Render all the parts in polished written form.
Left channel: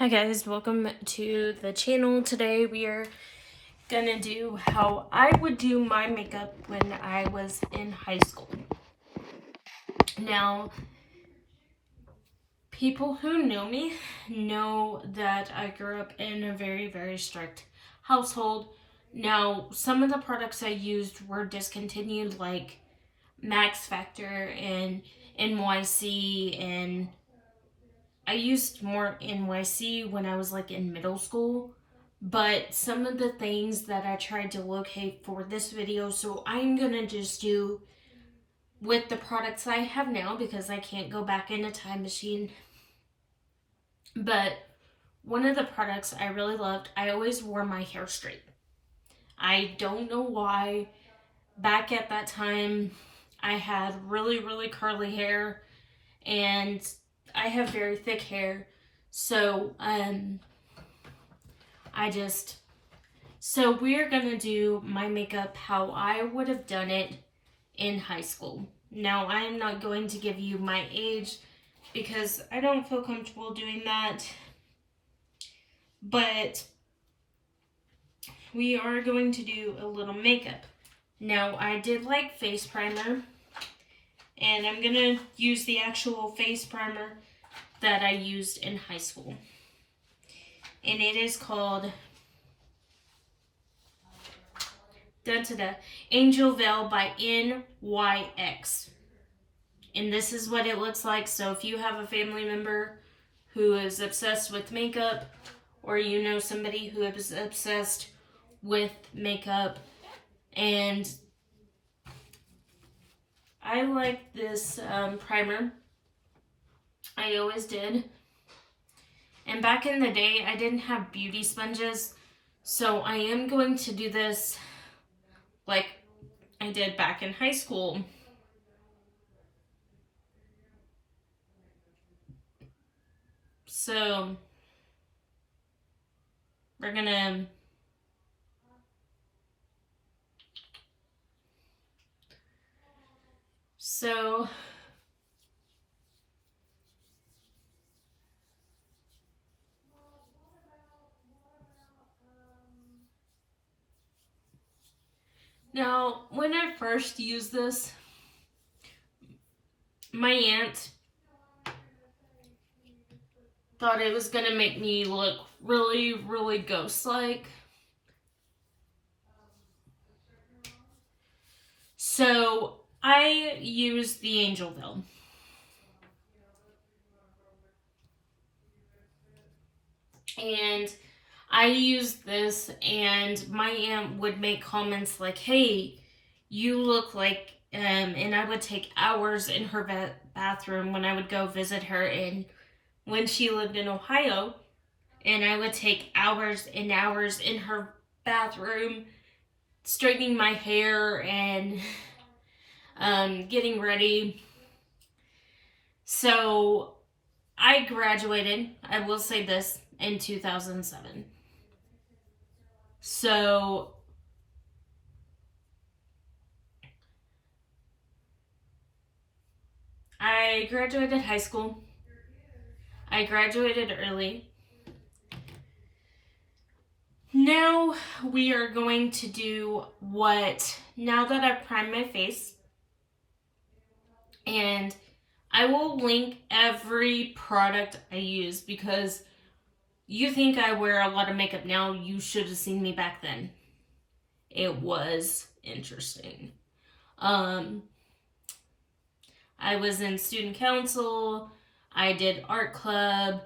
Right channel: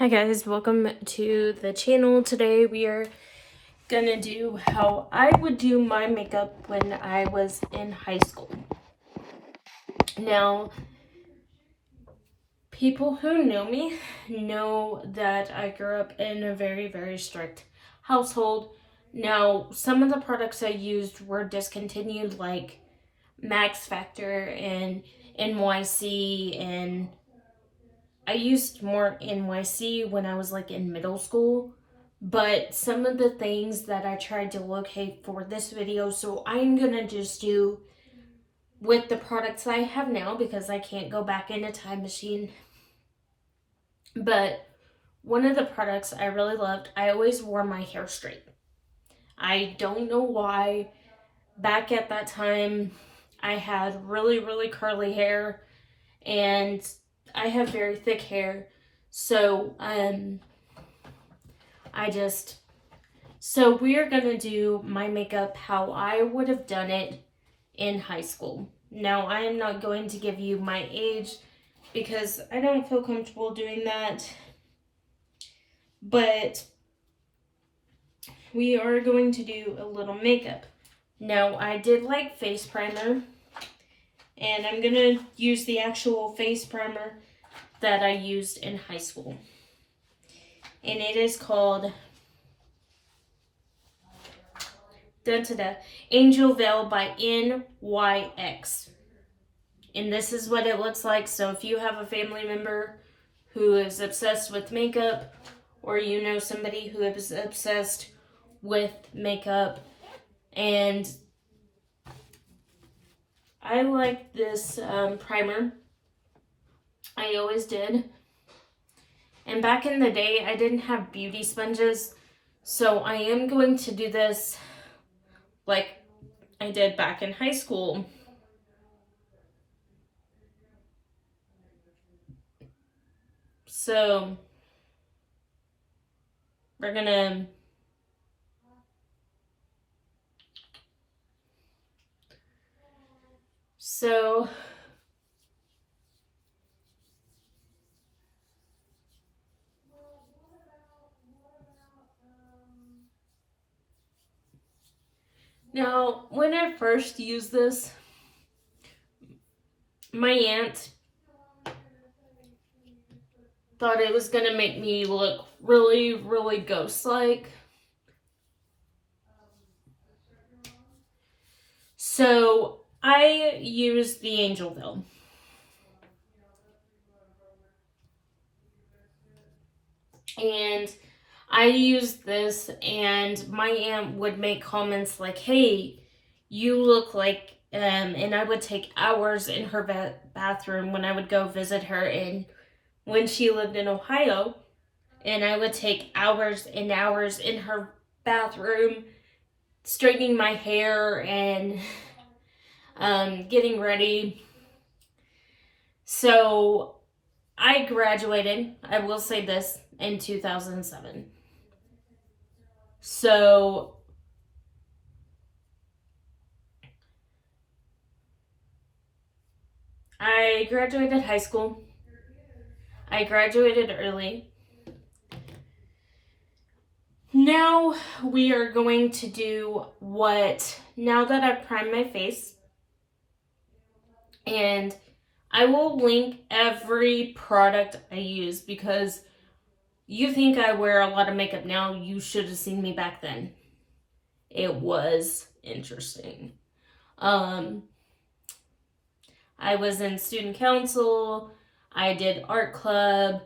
Hi guys, welcome to the channel. Today we are gonna do how I would do my makeup when I was in high school. Now, people who know me know that I grew up in a very strict household. Now, some of the products I used were discontinued, like Max Factor and NYC, and I used more NYC when I was like in middle school. But some of the things that I tried to locate for this video, so I'm gonna just do with the products I have now because I can't go back in a time machine. But one of the products I really loved, I always wore my hair straight. I don't know why. Back at that time, I had really curly hair, and I have very thick hair. So, so we're gonna do my makeup how I would have done it in high school. Now, I am not going to give you my age because I don't feel comfortable doing that, but we are going to do a little makeup. Now, I did like face primer, and I'm gonna use the actual face primer that I used in high school, and it is called Angel Veil by NYX. And this is what it looks like. So if you have a family member who is obsessed with makeup, or you know somebody who is obsessed with makeup, and I like this primer. I always did. And back in the day, I didn't have beauty sponges, so I am going to do this like I did back in high school. So we're gonna now, when I first used this, my aunt thought it was gonna make me look really ghost-like. So I used the Angel Veil. And I used this, and my aunt would make comments like, hey, you look like, and I would take hours in her bathroom when I would go visit her when she lived in Ohio, and I would take hours and hours in her bathroom straightening my hair and getting ready. So I graduated, I will say this, in 2007. So I graduated high school. I graduated early. Now we are going to do now that I've primed my face, and I will link every product I use because you think I wear a lot of makeup now. You should have seen me back then. It was interesting. I was in student council. I did art club,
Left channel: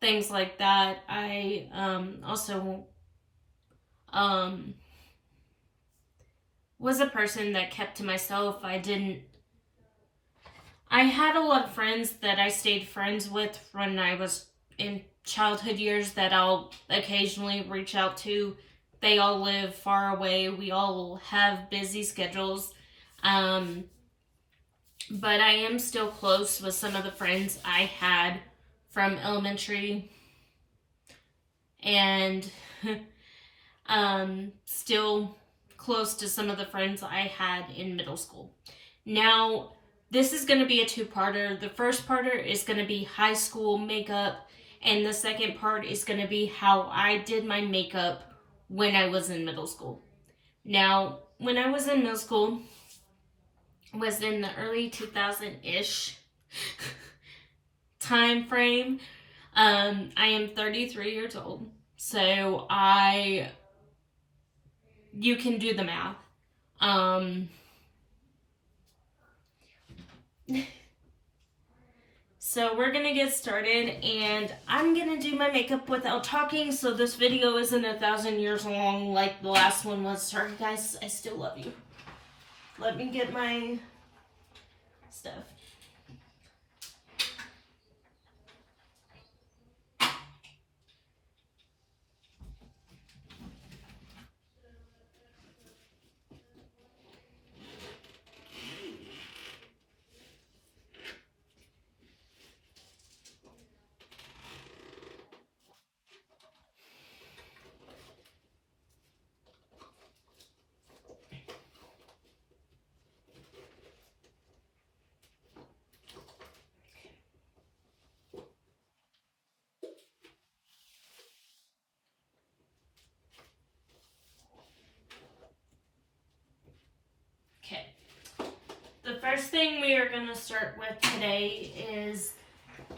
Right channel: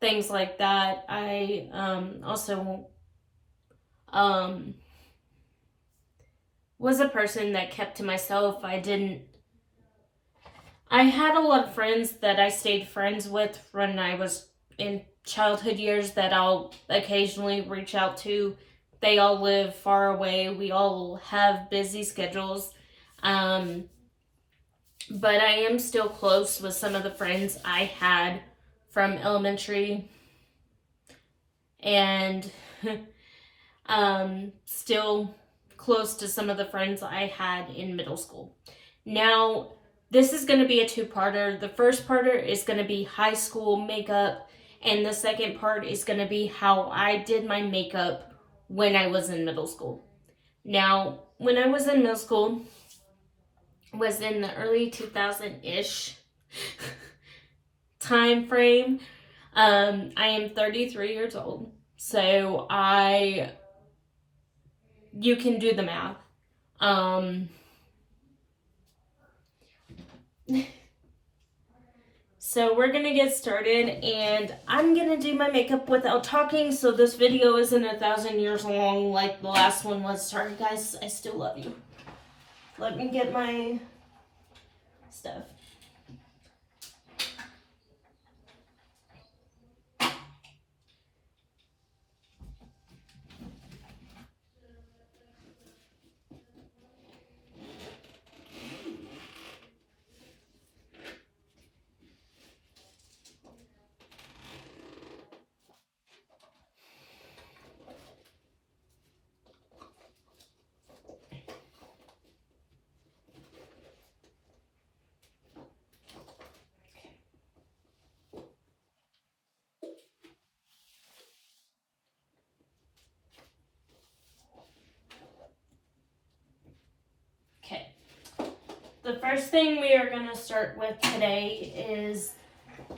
things like that. I also was a person that kept to myself. I had a lot of friends that I stayed friends with when I was in childhood years that I'll occasionally reach out to. They all live far away. We all have busy schedules. But I am still close with some of the friends I had from elementary, and still close to some of the friends I had in middle school. Now, this is going to be a two-parter. The first parter is going to be high school makeup, And the second part is going to be how I did my makeup when I was in middle school. Now, when I was in middle school, was in the early 2000-ish time frame. I am 33 years old, so you can do the math. So we're gonna get started, and I'm gonna do my makeup without talking, so this video isn't 1,000 years long like the last one was. Sorry guys, I still love you. Let me get my stuff. Okay. The first thing we are gonna start with today is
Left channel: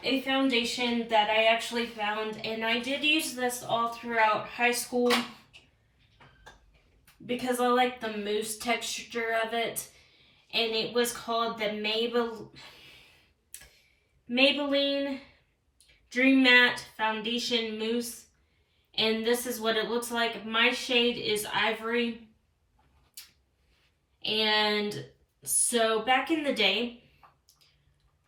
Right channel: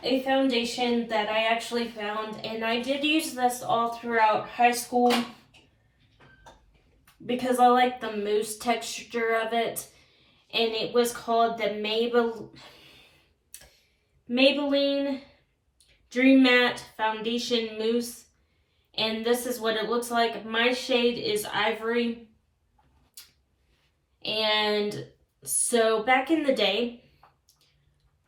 a foundation that I actually found, and I did use this all throughout high school because I like the mousse texture of it, and it was called the Maybelline Dream Matte Foundation Mousse, and this is what it looks like. My shade is Ivory, and so back in the day,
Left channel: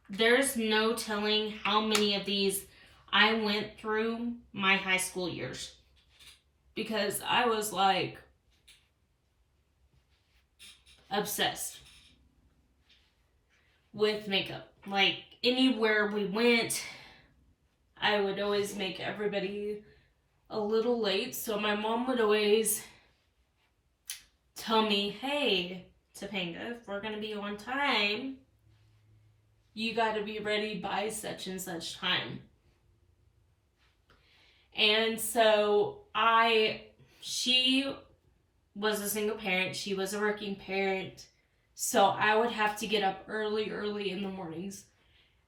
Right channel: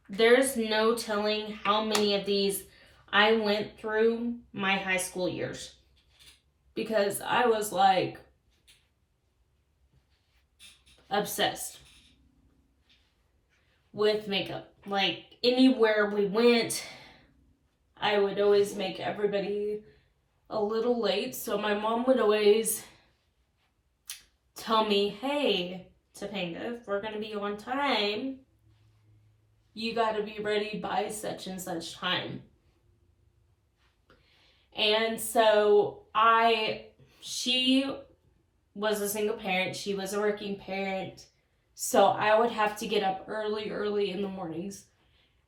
there's no telling how many of these I went through my high school years, because I was like obsessed with makeup. Like anywhere we went, I would always make everybody a little late, so my mom would always tell me, hey, Topanga, if we're gonna be on time, you gotta be ready by such and such time. And so she was a single parent, she was a working parent, so I would have to get up early in the mornings.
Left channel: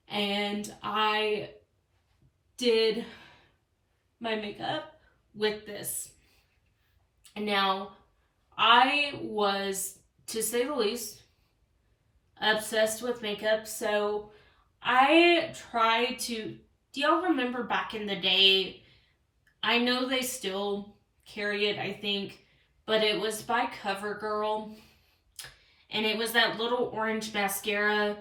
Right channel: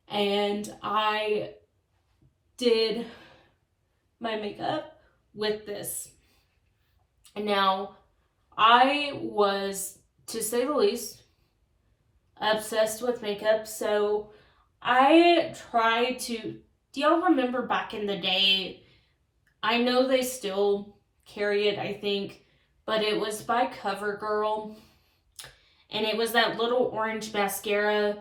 And I did my makeup with this. And now, I was, to say the least, obsessed with makeup, so I tried to... Do y'all remember back in the day? I know they still carry it, I think, but it was by CoverGirl, and it was that little orange mascara,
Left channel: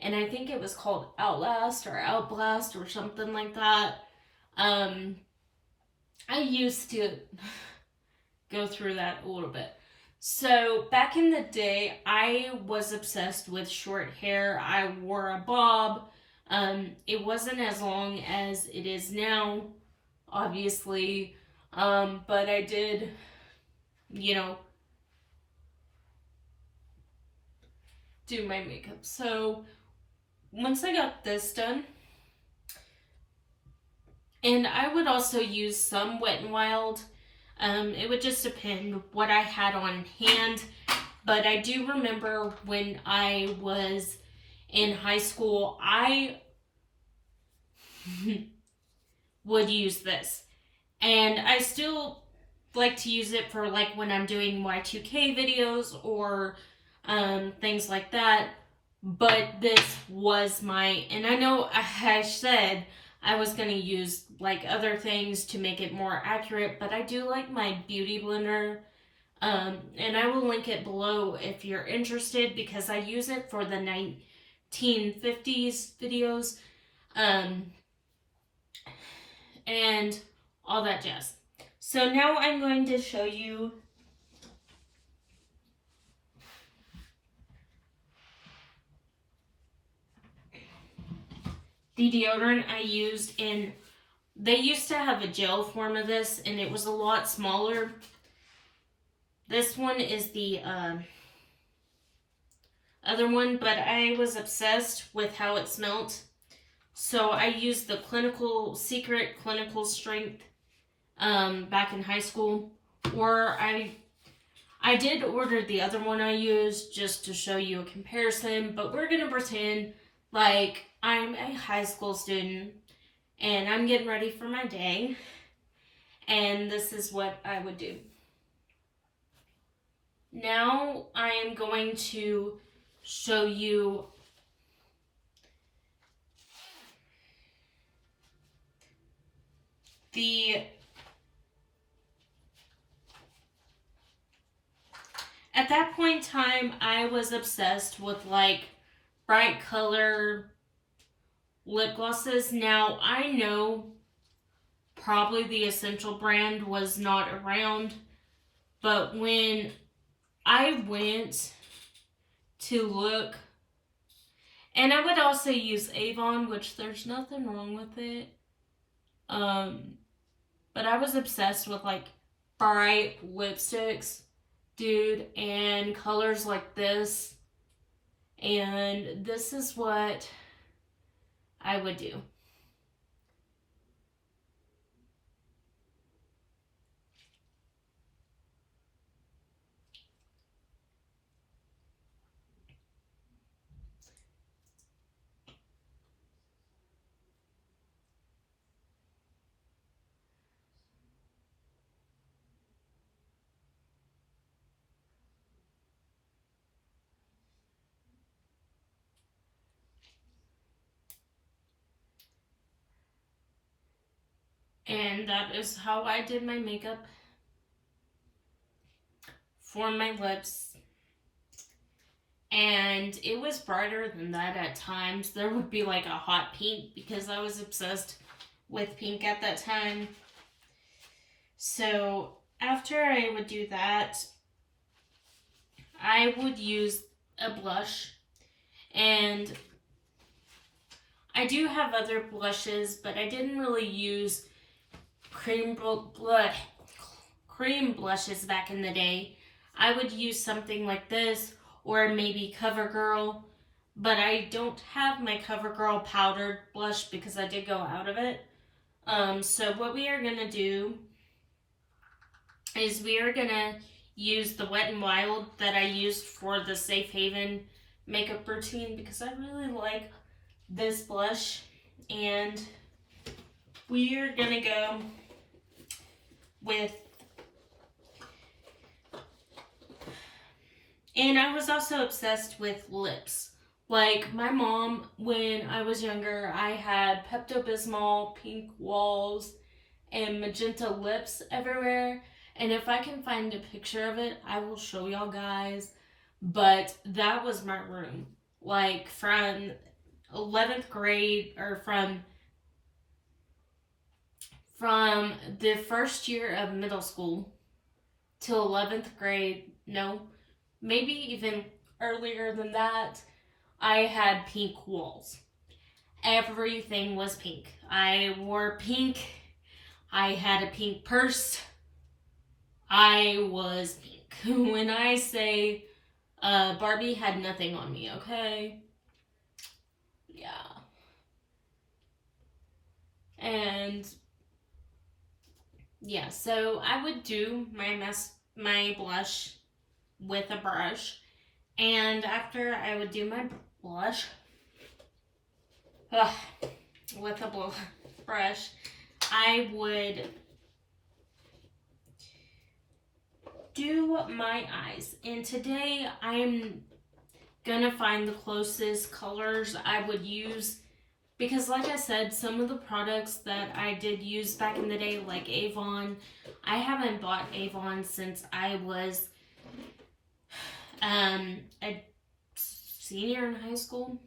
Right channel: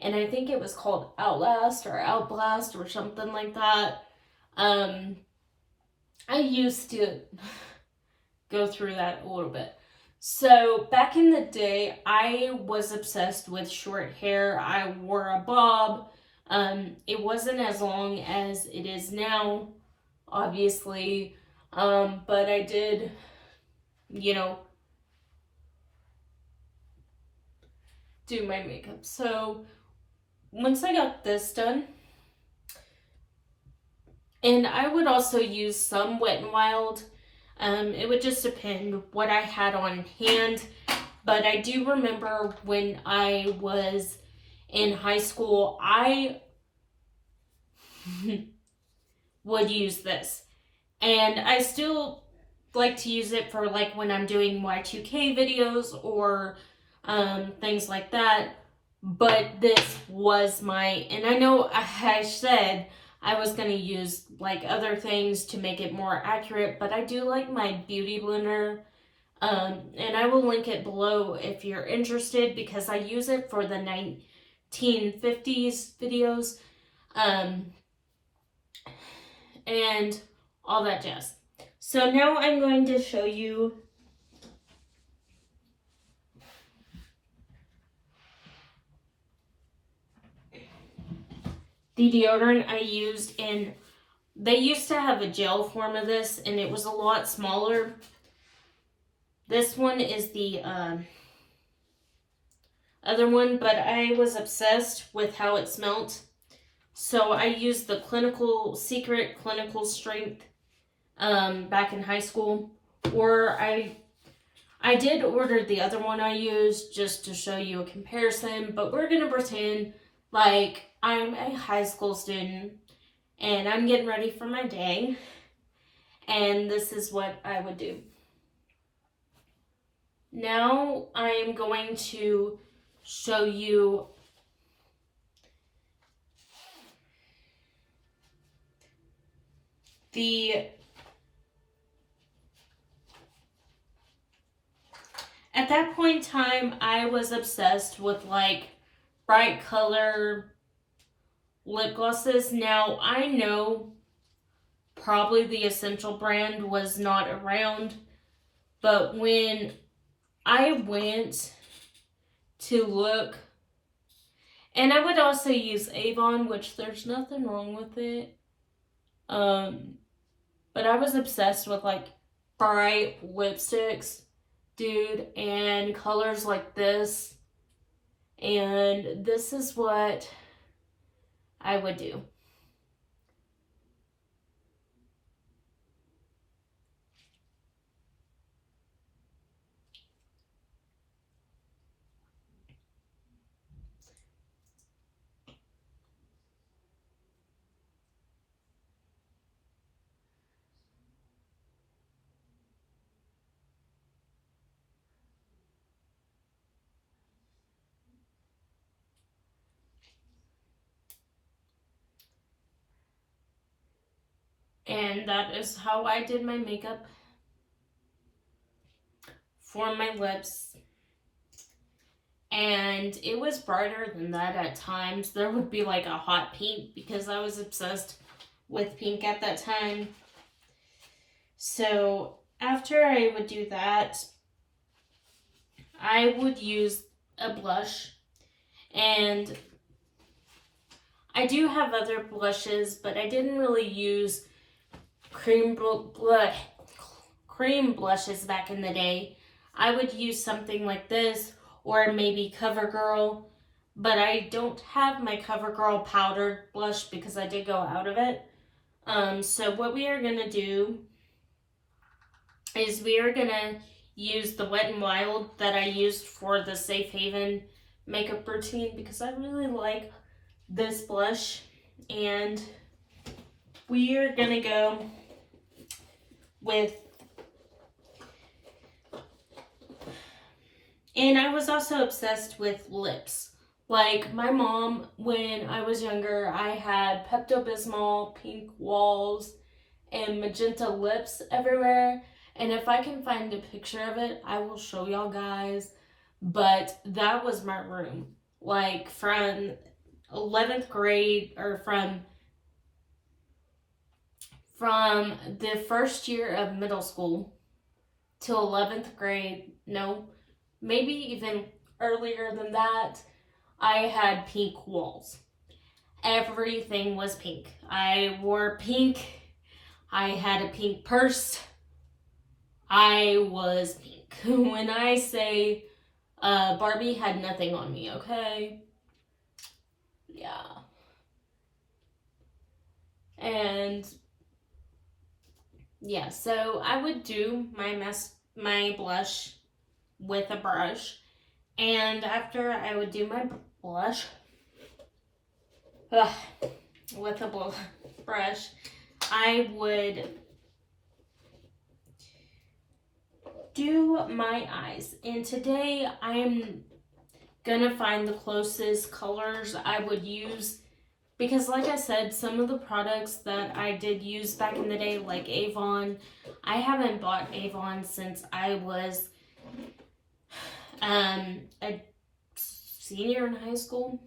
and I think it was called Outlast or Outblast or something like that. I used to go through that a little bit. So back in the day, I was obsessed with short hair. I wore a bob. It wasn't as long as it is now, obviously, but I did, do my makeup. So once I got this done, and I would also use some Wet n Wild. It would just depend what I had on hand. But I do remember when I was in high school, I would use this. And I still like to use it for like when I'm doing Y2K videos or things like that. But this was and I know I said I was going to use like other things to make it more accurate, but I do like my beauty blender, and I will link it below if you're interested, because I use it for the 1950s videos, and all that jazz. So now I'm going to show you the deodorant I used in... They used to have a gel form of this, and it was a lot smaller. This one is the other one, but I was obsessed with how it smelled. So I used the Secret Clinical Strength back in high school, or I did order the other one I used just to show you a comparison, but we're gonna pretend like I'm a high school student and I'm getting ready for my day, and this is what I would do. Now I am going to show you at that point in time, I was obsessed with like bright color lip glosses. Now I know probably the Essential brand was not around, but when I went to look, and I would also use Avon, which there's nothing wrong with it. But I was obsessed with like bright lipsticks, dude, and colors like this. And this is what I would do. And that is how I did my makeup for my lips. And it was brighter than that at times. There would be like a hot pink because I was obsessed with pink at that time. So after I would do that, I would use a blush. And I do have other blushes, but I didn't really use cream blushes back in the day. I would use something like this, or maybe CoverGirl, but I don't have my CoverGirl powdered blush because I did go out of it. So what we are gonna do is we are gonna use the Wet n Wild that I used for the Safe Haven makeup routine because I really like this blush, and we are gonna go with, and I was also obsessed with lips. Like my mom, when I was younger, I had Pepto-Bismol, pink walls, and magenta lips everywhere. And if I can find a picture of it, I will show y'all guys. But that was my room. Like from 11th grade, or from the first year of middle school till 11th grade, no, maybe even earlier than that, I had pink walls. Everything was pink. I wore pink. I had a pink purse. I was pink. When I say Barbie had nothing on me, okay? Yeah. And yeah, so I would do my blush with a brush, and after I would do my blush with a brush, I would do my eyes. And today I'm gonna find the closest colors I would use, because like I said, some of the products that I did use back in the day, like Avon, I haven't bought Avon since I was a senior in high school.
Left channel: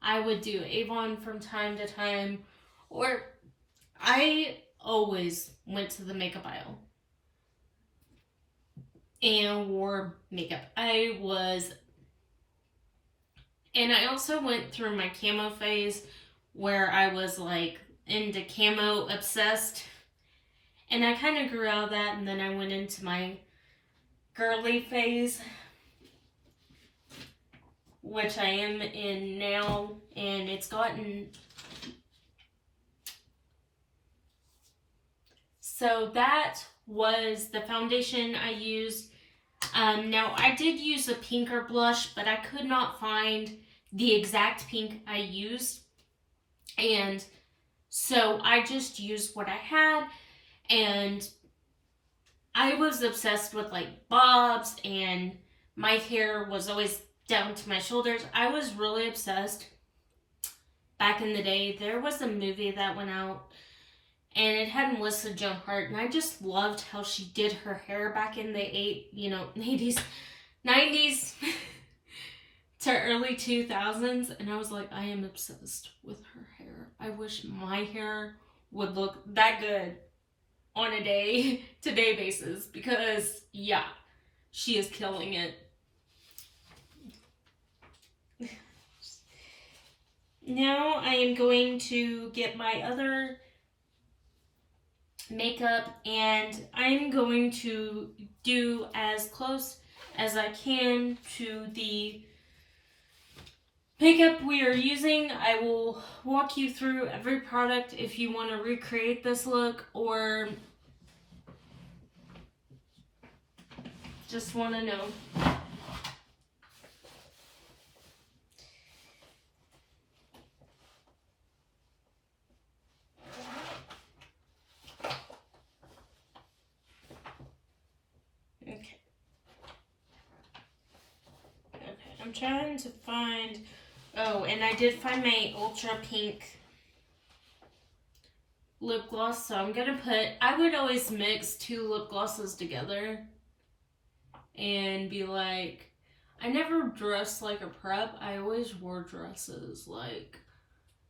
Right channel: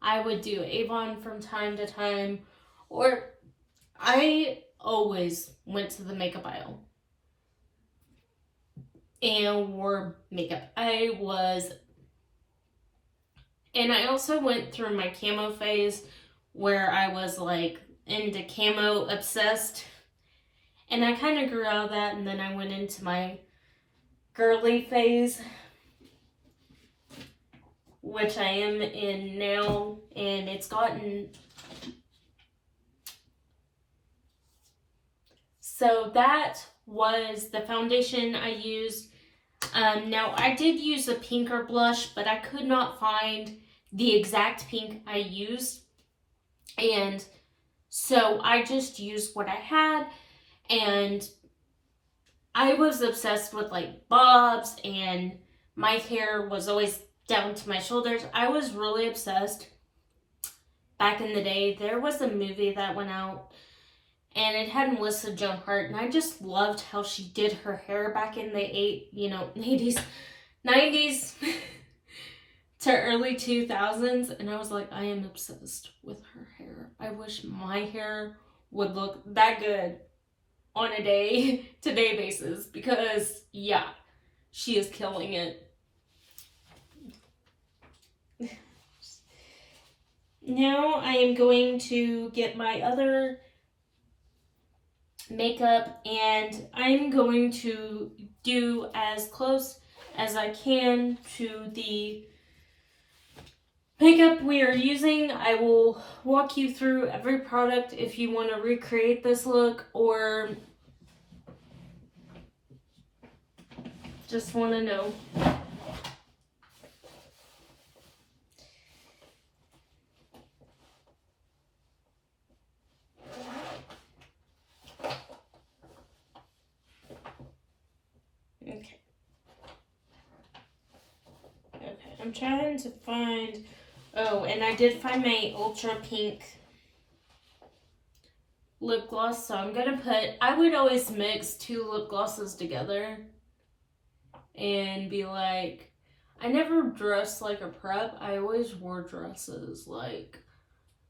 I would do Avon from time to time, or I always went to the makeup aisle and wore makeup. And I also went through my camo phase where I was like into camo obsessed. And I kind of grew out of that, and then I went into my girly phase, which I am in now, and it's gotten So that was the foundation I used. Now, I did use a pinker blush, but I could not find the exact pink I used. And so I just used what I had. And I was obsessed with like bobs, and my hair was always down to my shoulders. I was really obsessed back in the day. There was a movie that went out, and it had Melissa Joan Hart, and I just loved how she did her hair back in the 80s, 90s to early 2000s, and I was like, I am obsessed with her hair. I wish my hair would look that good on a day-to-day basis, because yeah, she is killing it. Now I am going to get my other makeup, and I'm going to do as close as I can to the makeup we are using. I will walk you through every product if you want to recreate this look or just want to know. Okay, I'm trying to find, oh, and I did find my Ultra Pink lip gloss, so I'm gonna I would always mix 2 lip glosses together and be like, I never dressed like a prep. I always wore dresses, like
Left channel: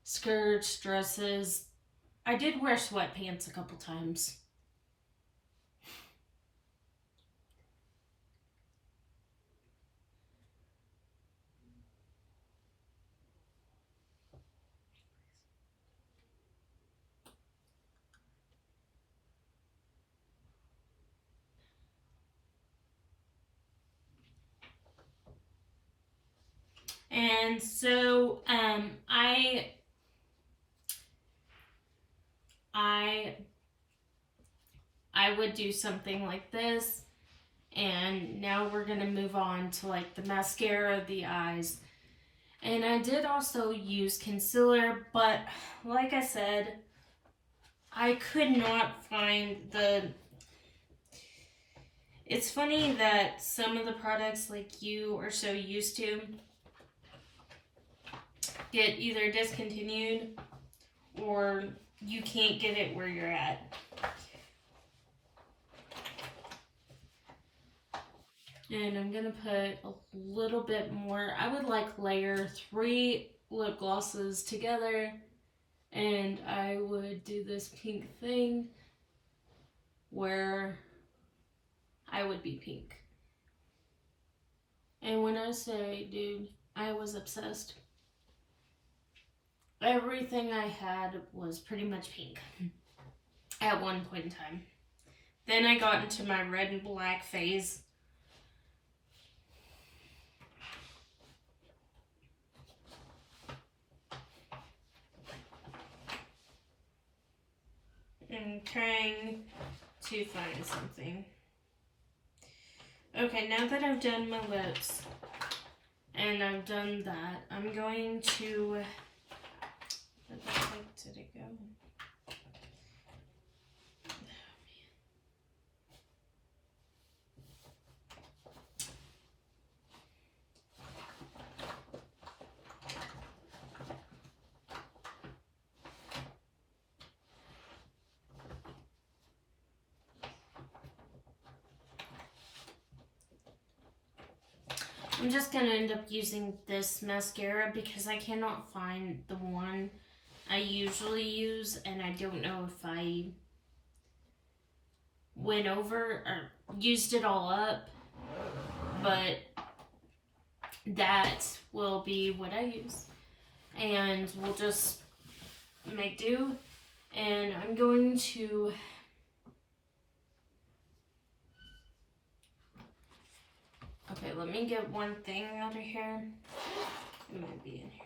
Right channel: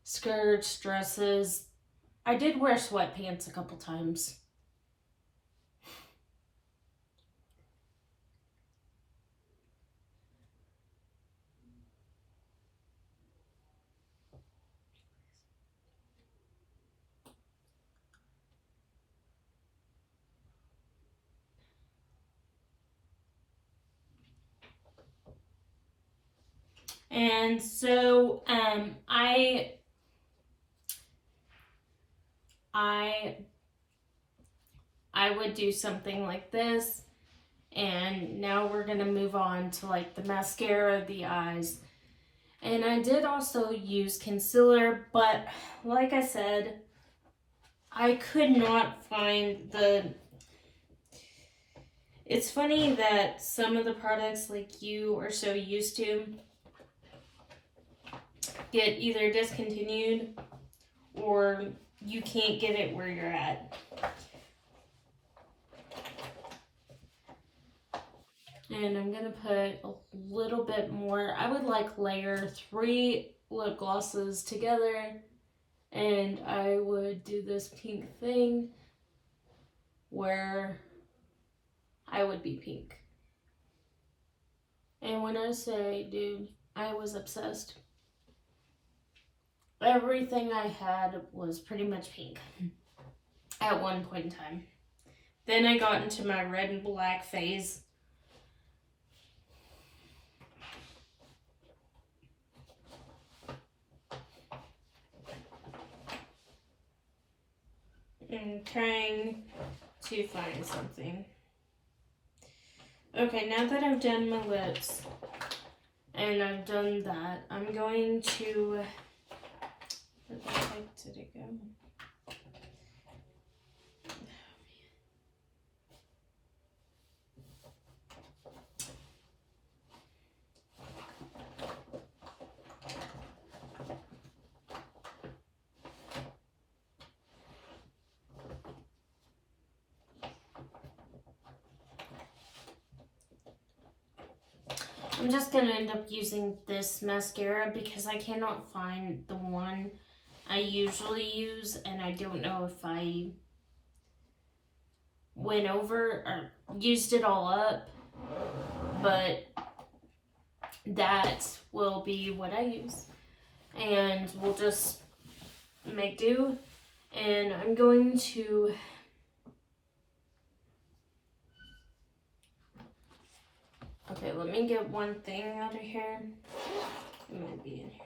skirts, dresses. I did wear sweatpants a couple times. And so I would do something like this, and now we're gonna move on to like the mascara, the eyes. And I did also use concealer, but like I said, I could not find the. It's funny that some of the products like you are so used to get either discontinued or you can't get it where you're at. And I'm gonna put a little bit more. I would like layer 3 lip glosses together, and I would do this pink thing where I would be pink. And when I say, dude, I was obsessed. Everything I had was pretty much pink at one point in time. Then I got into my red and black phase. I'm trying to find something. Okay, now that I've done my lips and I've done that, I'm going to. Where the heck did it go? I'm just gonna end up using this mascara because I cannot find the one I usually use, and I don't know if I went over or used it all up, but that will be what I use, and we'll just make do. And I'm going to okay, let me get one thing out of here. It might be in here.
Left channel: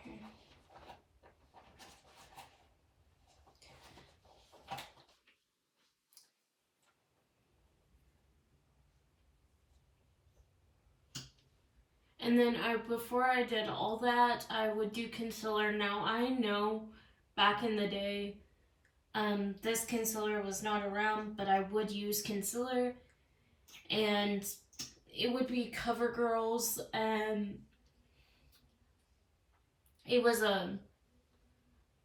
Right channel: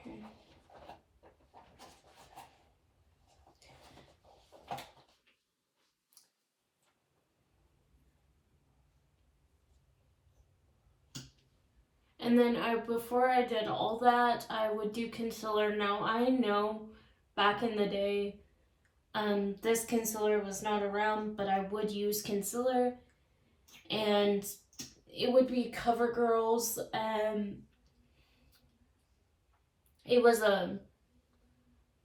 And then before I did all that, I would do concealer. Now I know back in the day, this concealer was not around, but I would use concealer, and it would be CoverGirl's. It was a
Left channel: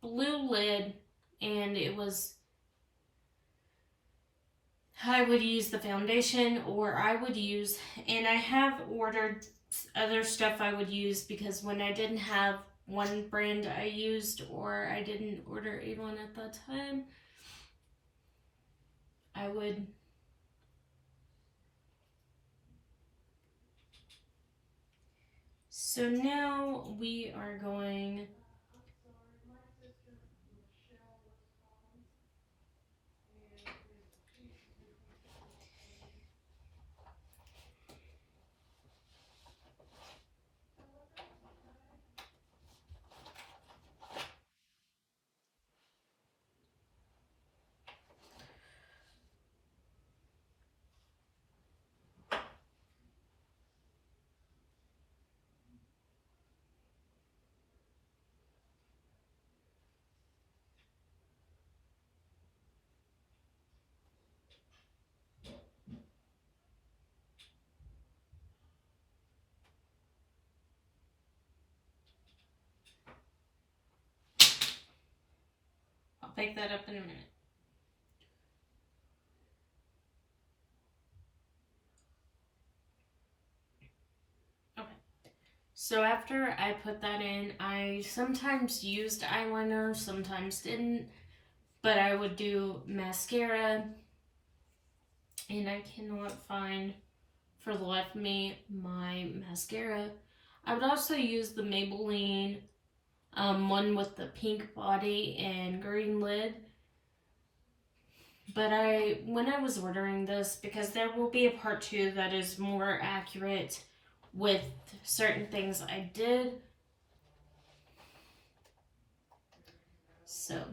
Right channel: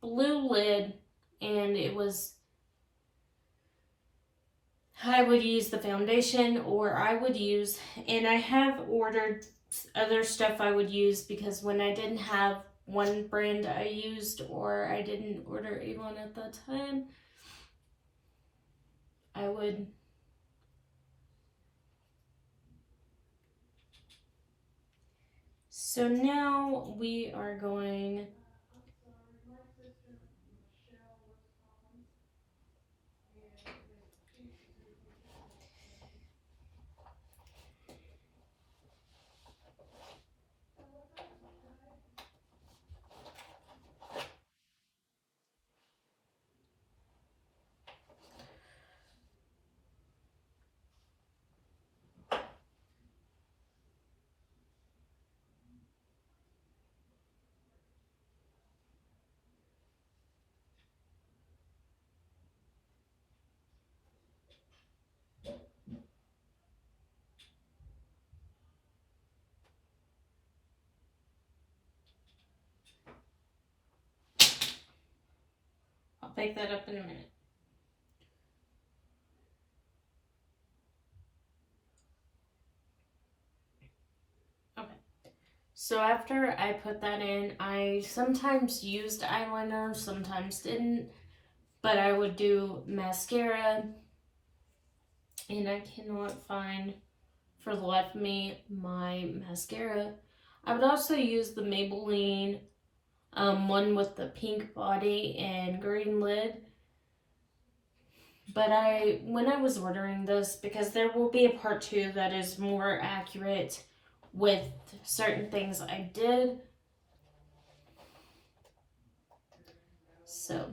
blue lid, and I would use the foundation, or I would use, and I have ordered other stuff I would use because when I didn't have one brand I used, or I didn't order Avon at that time, I would. So now we are going. I'll pick that up in a minute. Okay. So after I put that in, I sometimes used eyeliner, sometimes didn't, but I would do mascara, and I cannot find for the life of me my mascara. I would also use the Maybelline one with the pink body and green lid. But when I was ordering this, because there will be a part 2 that is more accurate with certain things I did. So.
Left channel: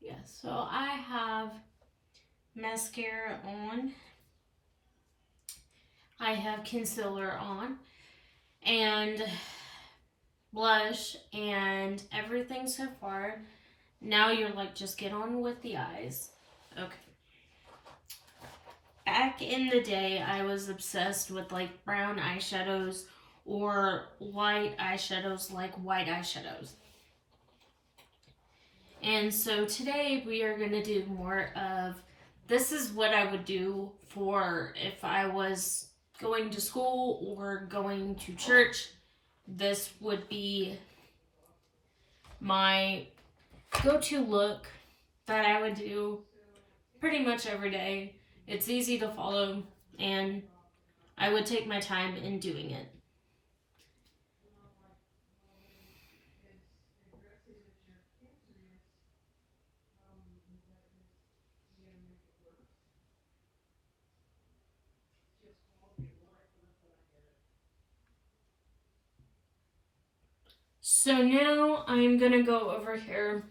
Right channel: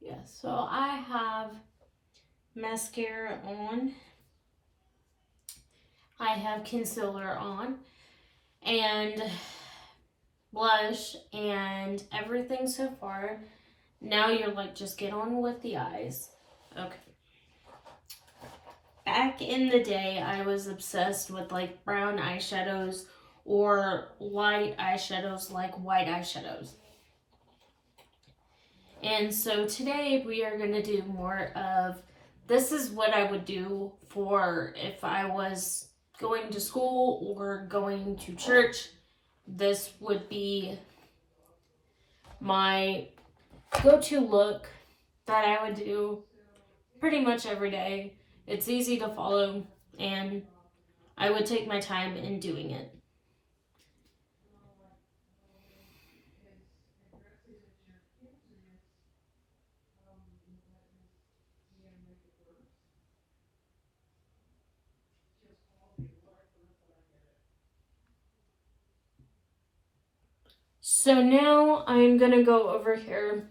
Yeah, so I have mascara on. I have concealer on. And blush and everything so far. Now you're like, just get on with the eyes. Okay. Back in the day, I was obsessed with like brown eyeshadows or light eyeshadows, like white eyeshadows. And so today we are going to do more of, this is what I would do for if I was going to school or going to church. This would be my go-to look that I would do pretty much every day. It's easy to follow, and I would take my time in doing it. So now I'm gonna go over here.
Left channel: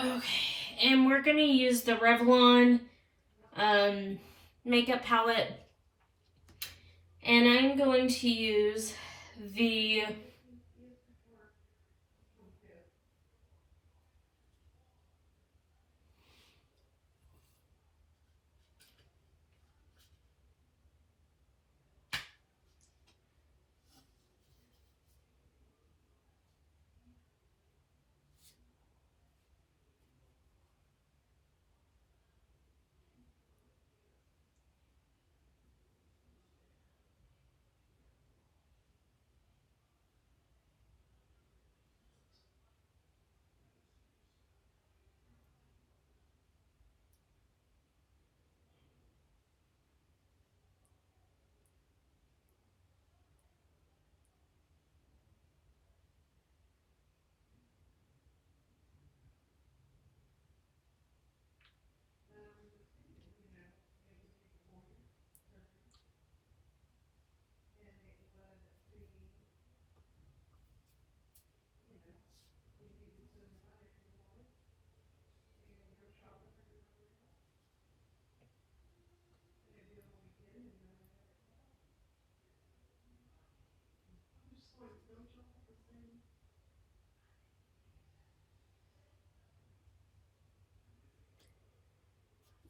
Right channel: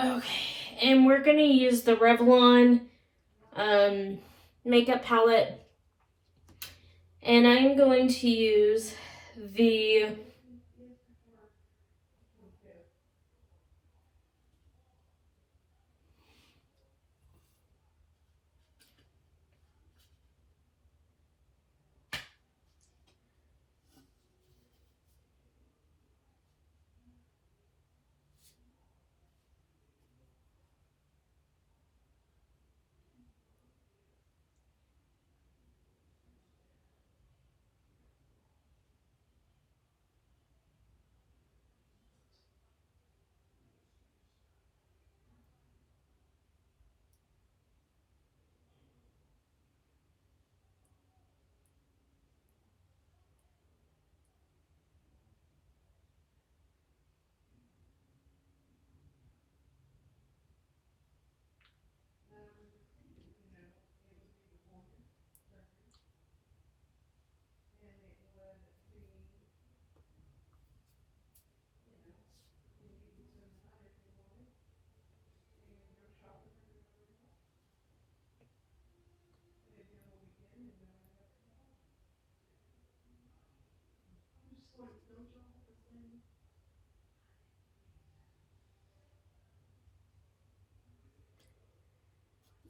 Okay, and we're gonna use the Revlon makeup palette. And I'm going to use the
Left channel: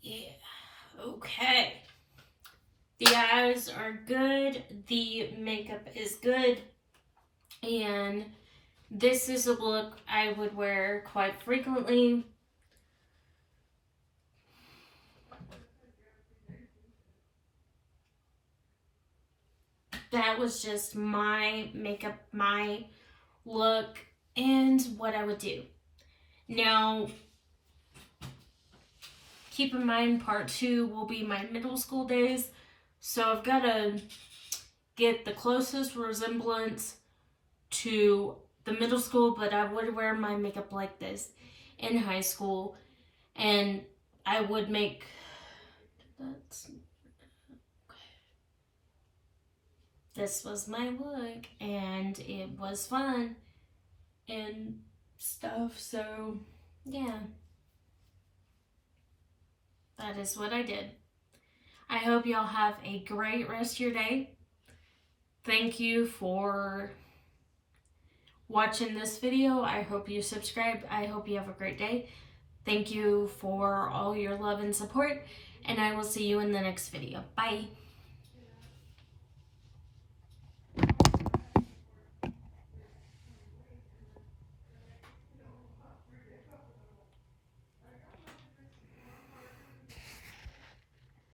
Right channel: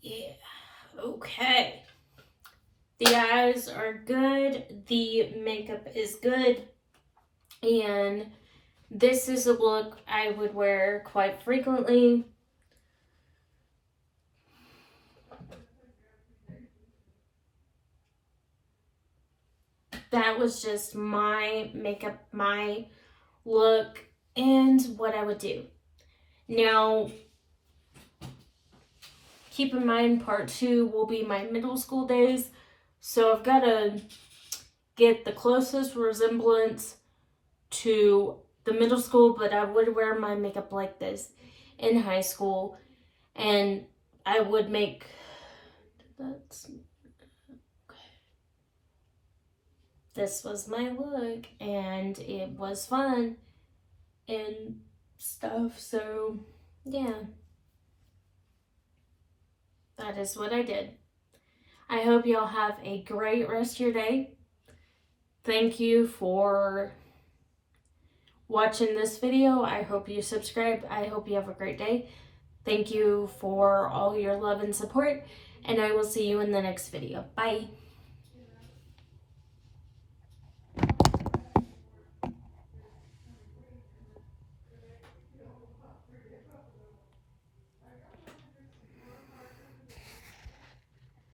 yeah, okay. The eyes are good, the makeup is good, and this is a look I would wear quite frequently. That was just my makeup, my look, and what I would do. Now, keep in mind, part 2 will be my middle school days, so I've got to get the closest resemblance to the middle school, but I would wear my makeup like this in high school, and I would make that's this was my look, and it was fun and stuff. So yeah, that is what I did. I hope y'all have a great rest of your day. Thank you for watching this video. I hope you subscribe. I hope you have a great day. Thank you for all your love and support, and I will see you in the next video. Bye.